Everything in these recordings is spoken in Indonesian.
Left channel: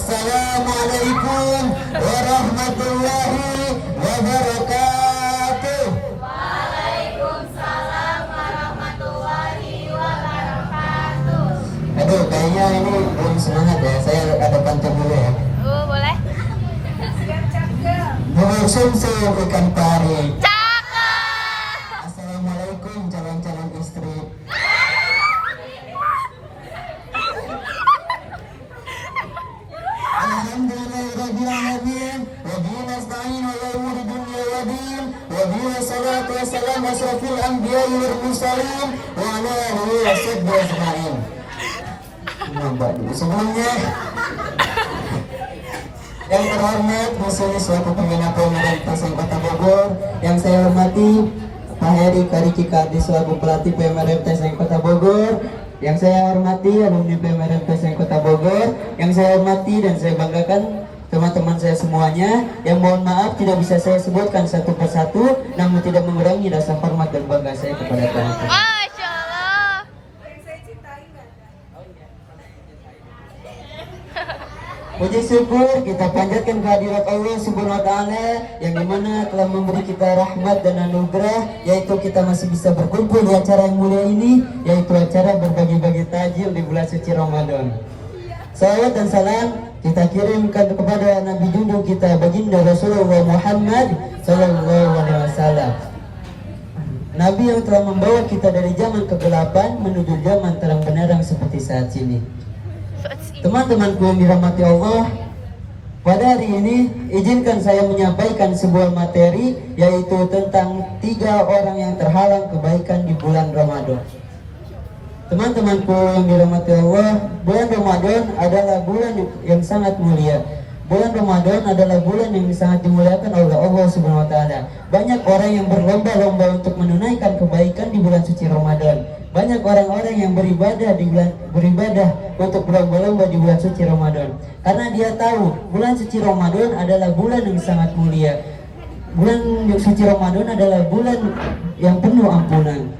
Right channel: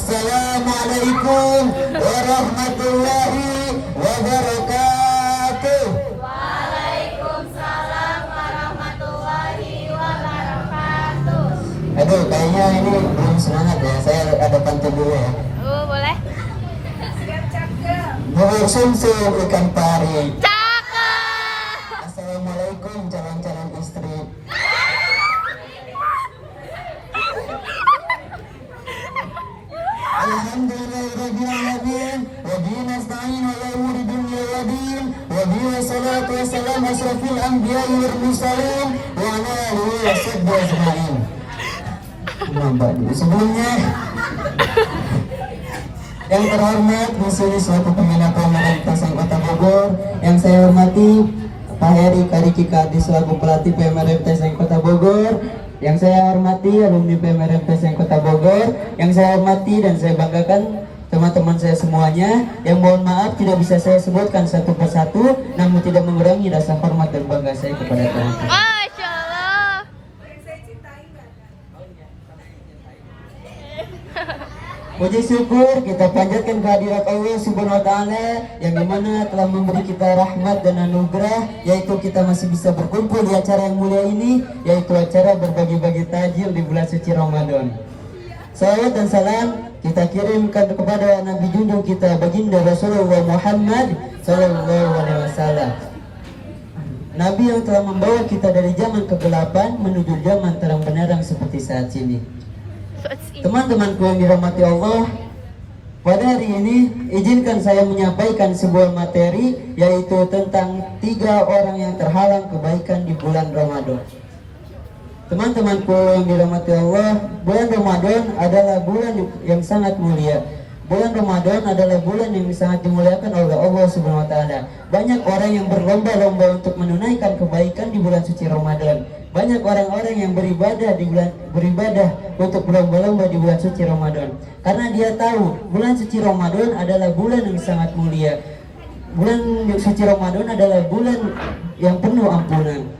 Assalamualaikum warahmatullahi wabarakatuh. Waalaikumsalam warahmatullahi wabarakatuh. Aduh, kayaknya ini belum semangat ya. Saya ada pantun dulu ya. Oh, boleh? Bubur sumsum ikan pari. Cakep. Assalamualaikum calon-calon istri. Alhamdulillahirrahmanirrahim. Wa bihi nasta'in ala umuri dunya wa din. Wa bihi salatu wa salam asrafil anbiya wal mursalin wa ala alihi wa sahbihi ajma'in. Nambah dulu sebelumnya. Yang terhormat Musyri selaku pembina pemerintah Kota Bogor, yang saya hormati Pak Eri Kariki Kadi selaku pelatih pemerintah Kota Bogor, yang saya hormati alumni pemerintah Kota Bogor, yang saya hormati dan saya banggakan teman-teman saya semuanya, yang mohon maaf tidak bisa saya sebutkan satu persatu, namun tidak mengurangi rasa hormat dan bangga saya kepada teman-teman. Masya Allah. Puji syukur kita panjatkan kehadirat Allah Subhanahu wa taala yang dimana telah memberi kita rahmat dan anugerah, yaitu kita masih bisa berkumpul di acara yang mulia ini, yaitu acara berbagi-bagi tajil di bulan suci Ramadan. Salawat dan salam kita kirimkan kepada Nabi junjung kita baginda Rasulullah Muhammad sallallahu alaihi wasallam. Nabi yang telah membawa kita dari zaman kegelapan menuju zaman terang benderang seperti saat ini. Teman-temanku yang dirahmati Allah, pada hari ini izinkan saya menyampaikan sebuah materi, yaitu tentang 3 orang yang terhalang kebaikan di bulan Ramadan. Teman-temanku yang dirahmati Allah, bulan Ramadan adalah bulan yang sangat mulia. Bulan Ramadan adalah bulan yang sangat dimuliakan oleh Allah Subhanahu wa taala. Banyak orang yang berlomba-lomba untuk menunaikan kebaikan di bulan suci Ramadan. Banyak orang-orang yang beribadah untuk berlomba-lomba di bulan suci Ramadan. Karena dia tahu bulan suci Ramadan adalah bulan yang sangat mulia. Bulan suci Ramadan adalah bulan yang penuh ampunan.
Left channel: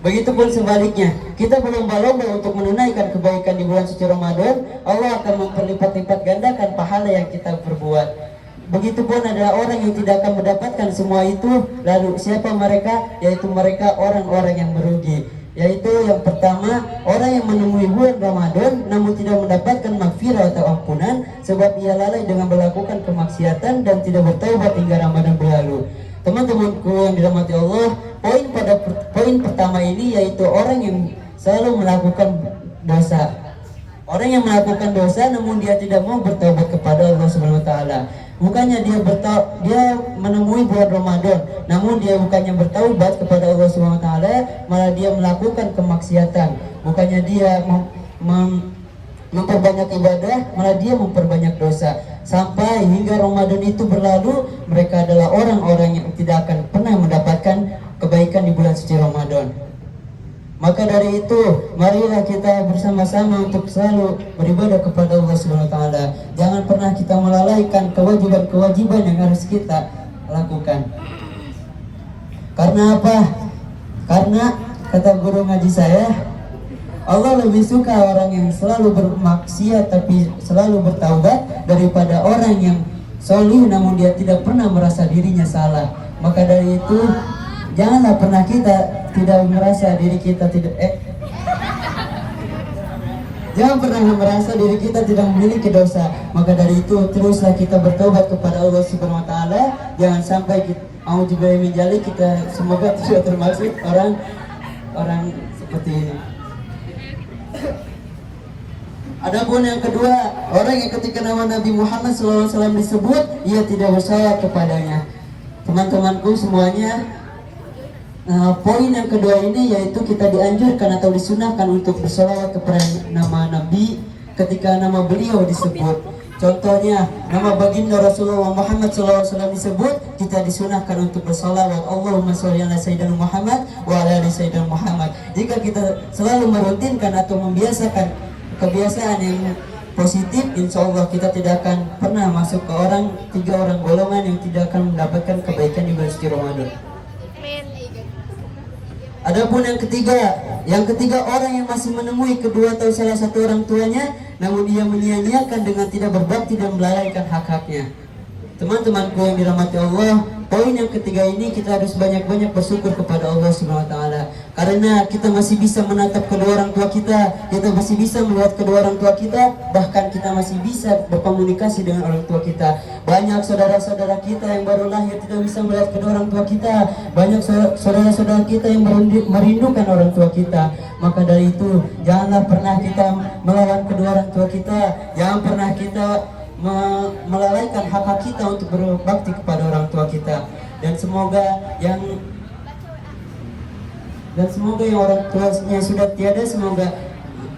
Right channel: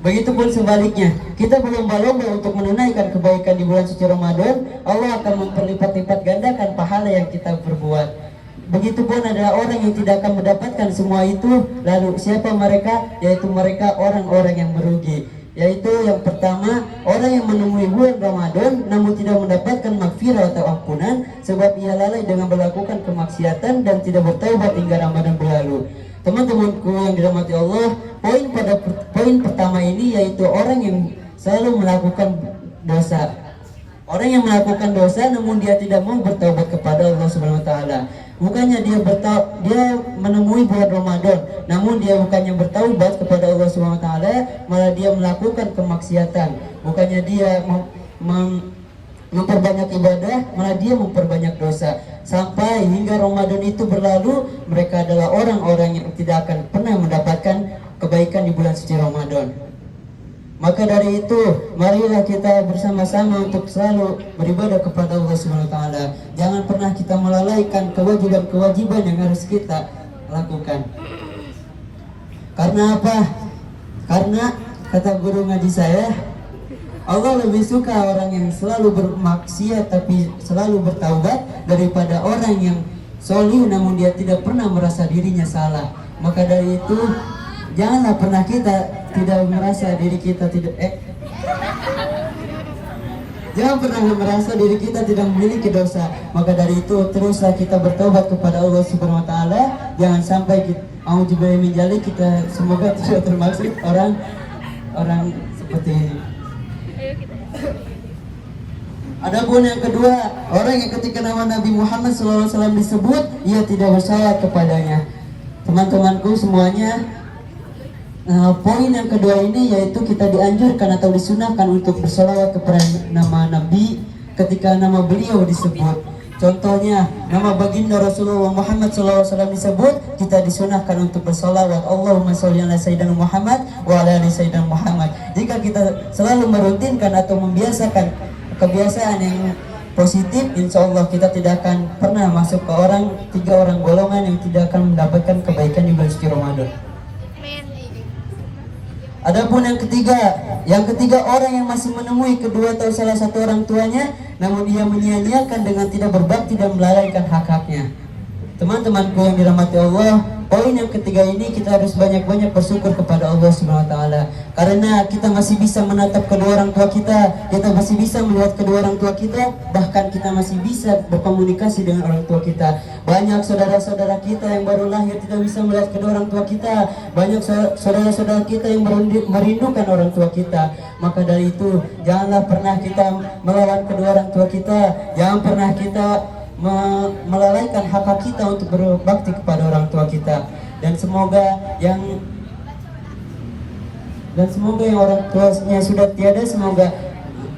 Begitupun sebaliknya, kita berlomba-lomba untuk menunaikan kebaikan di bulan suci Ramadan, Allah akan memperlipat-lipat gandakan pahala yang kita perbuat. Begitupun adalah orang yang tidak akan mendapatkan semua itu. Lalu siapa mereka? Yaitu mereka orang-orang yang merugi. Yaitu yang pertama, orang yang menemui bulan Ramadan namun tidak mendapatkan maghfirah atau ampunan sebab ia lalai dengan melakukan kemaksiatan dan tidak bertaubat hingga Ramadan berlalu. Teman-temanku yang dirahmati Allah, poin pertama ini yaitu orang yang selalu melakukan dosa. Orang yang melakukan dosa namun dia tidak mau bertaubat kepada Allah Subhanahu wa taala. Bukannya dia menemui bulan Ramadan, namun dia bukannya bertaubat kepada Allah Subhanahu wa taala, malah dia melakukan kemaksiatan. Bukannya dia memperbanyak ibadah, malah dia memperbanyak dosa. Sampai hingga Ramadan itu berlalu, mereka adalah orang-orang yang tidak akan pernah mendapatkan kebaikan di bulan suci Ramadan. Maka dari itu, marilah kita bersama-sama untuk selalu beribadah kepada Allah Subhanahu wa taala. Jangan pernah kita melalaikan kewajiban-kewajiban yang harus kita lakukan. Karena apa? Karena kata guru ngaji saya, Allah lebih suka orang yang selalu bermaksiat tapi selalu bertaubat daripada orang yang solih namun dia tidak pernah merasa dirinya salah. Maka dari itu, janganlah pernah kita tidak merasa diri kita jangan pernah merasa diri kita tidak memiliki dosa. Maka dari itu teruslah kita bertobat kepada Allah Subhanahu wa taala. Jangan sampai auzubillahi min dzalik, kita semoga tidak termasuk orang seperti ini. Adapun yang kedua, orang yang ketika nama Nabi Muhammad SAW disebut, ia tidak bersalah kepadanya. Teman-temanku semuanya, poin yang kedua ini yaitu kita dianjurkan atau disunahkan untuk bersalawat kepada nama Nabi ketika nama beliau disebut. Contohnya, nama baginda Rasulullah Muhammad SAW disebut, kita disunahkan untuk bersalawat Allahumma sholli ala sayyidina Muhammad wa ala ali sayyidina Muhammad. Jika kita selalu merutinkan atau membiasakan kebiasaan yang positif, insya Allah kita tidak akan pernah masuk ke 3 orang golongan yang tidak akan mendapatkan kebaikan di bulan suci Ramadan. Adapun yang ketiga orang yang masih menemui kedua atau salah satu orang tuanya, namun ia menyia-nyiakan dengan tidak berbakti dan melalaikan hak-haknya. Teman-temanku yang dirahmati Allah, poin yang ketiga ini kita harus banyak-banyak bersyukur kepada Allah Subhanahu wa taala. Karena kita masih bisa menatap kedua orang tua kita masih bisa melihat kedua orang tua kita, bahkan kita masih bisa berkomunikasi dengan orang tua kita. Banyak saudara-saudara kita yang baru lahir tidak bisa melihat kedua orang tua kita. Banyak saudara-saudara kita yang merindukan orang tua kita. Maka dari itu, janganlah pernah kita melawan kedua orang tua kita. Jangan pernah kita melalaikan hak kita untuk berbakti kepada orang tua kita. Dan semoga yang orang tuanya sudah tiada, semoga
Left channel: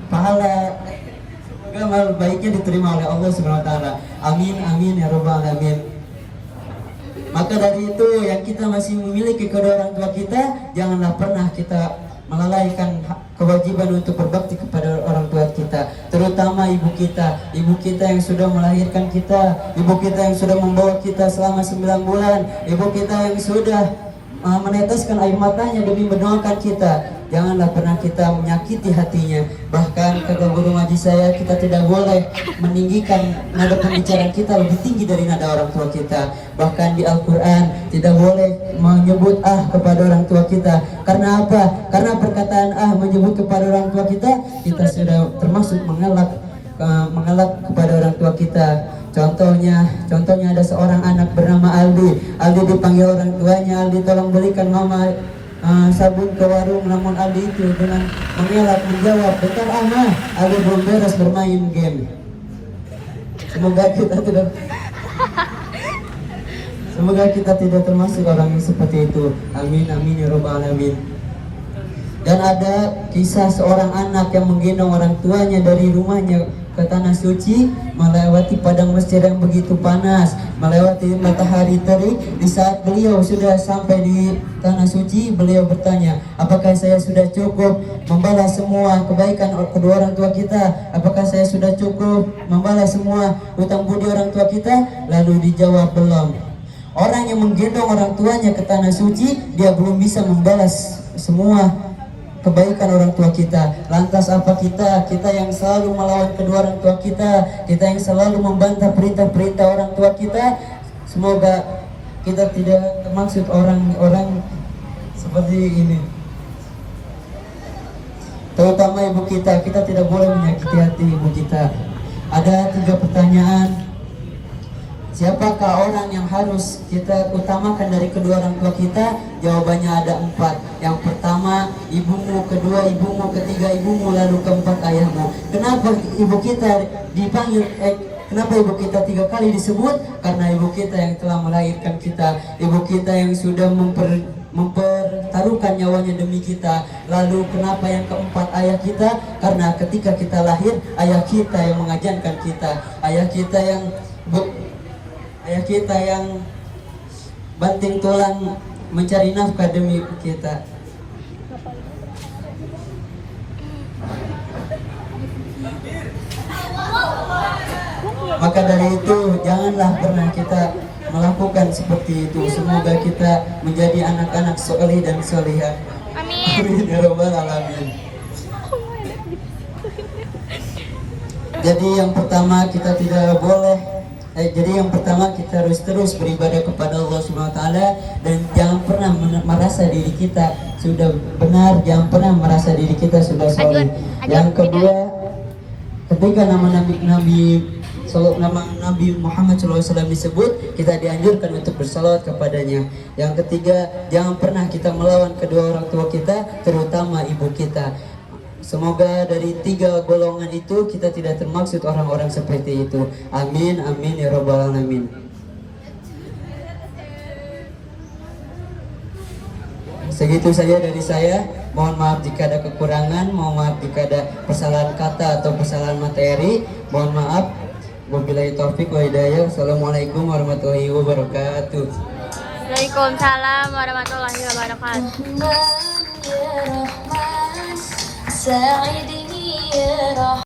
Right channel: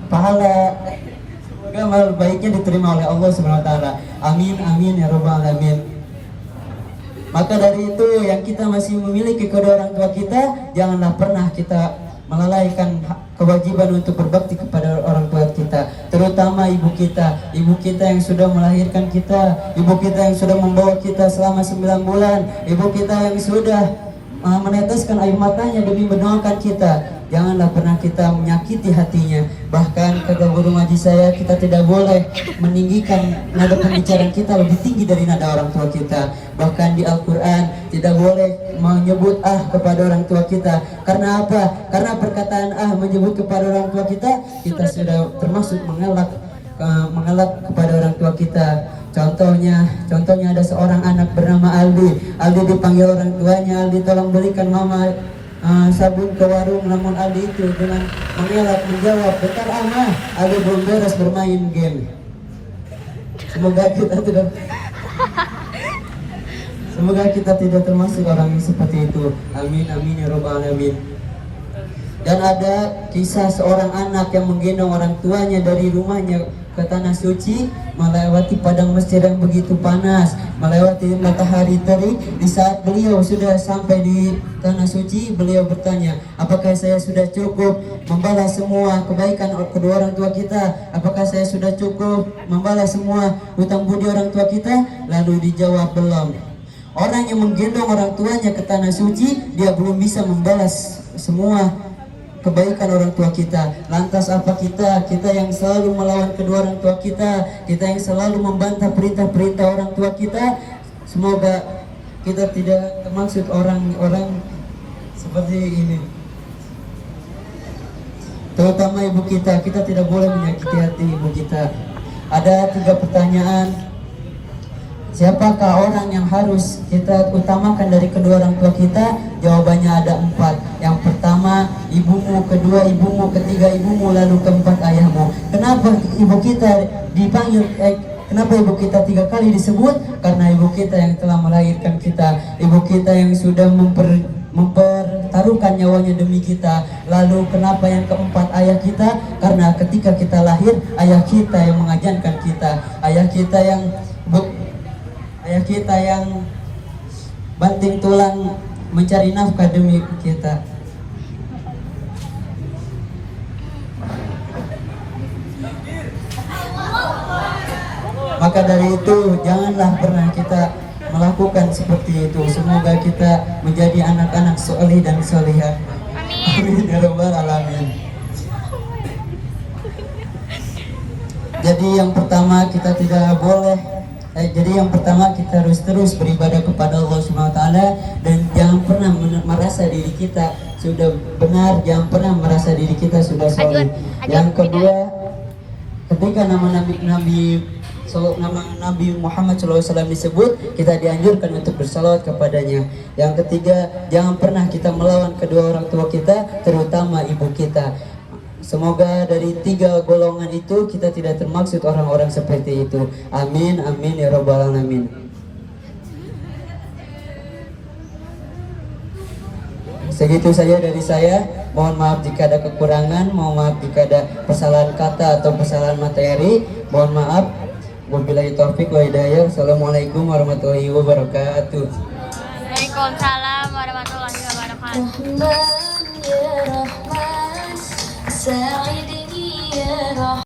amal baiknya diterima oleh Allah Subhanahu wa taala. Amin amin ya rabbal alamin. Maka dari itu, yang kita masih memiliki kedua orang tua kita, janganlah pernah kita melalaikan kewajiban untuk berbakti kepada orang tua kita, terutama ibu kita yang sudah melahirkan kita, ibu kita yang sudah membawa kita selama 9 bulan, ibu kita yang sudah meneteskan air matanya demi mendoakan kita. Janganlah pernah kita menyakiti hatinya. Bahkan kata guru ngaji saya, kita tidak boleh meninggikan nada pembicaraan kita lebih tinggi dari nada orang tua kita. Bahkan di Al-Quran tidak boleh menyebut kepada orang tua kita. Karena apa? Karena perkataan menyebut kepada orang tua kita sudah termasuk mengelak kepada orang tua kita. Contohnya ada seorang anak bernama Aldi. Aldi dipanggil orang tuanya, Aldi tolong belikan mama sabun ke warung, namun Aldi itu dengan mengelak menjawab, "Bentar mah, Aldi belum beres bermain game." Semoga kita tidak termasuk orang yang seperti itu. Amin amin ya rabbal alamin. Dan ada kisah seorang anak yang menggendong orang tuanya dari rumahnya ke tanah suci, melewati padang mesir yang begitu panas, melewati matahari terik. Di saat beliau sudah sampai di tanah suci, beliau bertanya, apakah saya sudah cukup membalas semua kebaikan kedua orang tua kita? Apakah saya sudah cukup membalas semua hutang budi orang tua kita? Lalu dijawab, belum. Orang yang menggendong orang tuanya ke tanah suci, dia belum bisa membalas semua kebaikan orang tua kita. Lantas apa kita yang selalu melawan kedua orang tua kita yang selalu membantah perintah-perintah orang tua kita? Semoga kita tidak termasuk orang-orang seperti ini. Terutama ibu kita tidak boleh menyakiti hati ibu kita. Ada 3 pertanyaan. Siapakah orang yang harus kita utamakan dari kedua orang tua kita? Jawabannya ada 4. Yang pertama ibumu, kedua ibumu, ketiga ibumu, lalu keempat ayahmu. Kenapa ibu kita dipanggil? Kenapa ibu kita 3 kali disebut? Karena ibu kita yang telah melahirkan kita, ibu kita yang sudah mempertaruhkan nyawanya demi kita. Lalu kenapa yang keempat ayah kita? Karena ketika kita lahir, ayah kita yang mengajarkan kita, ayah kita yang banting tulang mencari nafkah demi kita. Maka dari itu, janganlah pernah kita melakukan seperti itu. Semoga kita menjadi anak-anak soleh dan solehah. Amin ya rabbal alamin. Jadi yang pertama kita harus terus beribadah kepada Allah Subhanahu wa taala, dan jangan pernah merasa diri kita sudah benar, jangan pernah merasa diri kita sudah soleh. Yang kedua, ketika nama Nabi Muhammad SAW disebut, kita dianjurkan untuk bersalawat kepadanya. Yang ketiga, jangan pernah kita melawan kedua orang tua kita, terutama ibu kita. Semoga dari 3 golongan itu kita tidak termaksud orang-orang seperti itu. Amin amin ya rabbal alamin. Segitu saja dari saya. Mohon maaf jika ada kekurangan, mohon maaf jika ada kesalahan kata atau kesalahan materi. Mohon maaf. Wabillahi taufik wa hidayah. Assalamualaikum warahmatullahi wabarakatuh. Waalaikumsalam warahmatullahi wabarakatuh. Rahman ya Rahman, Sa'idni ya Rahman.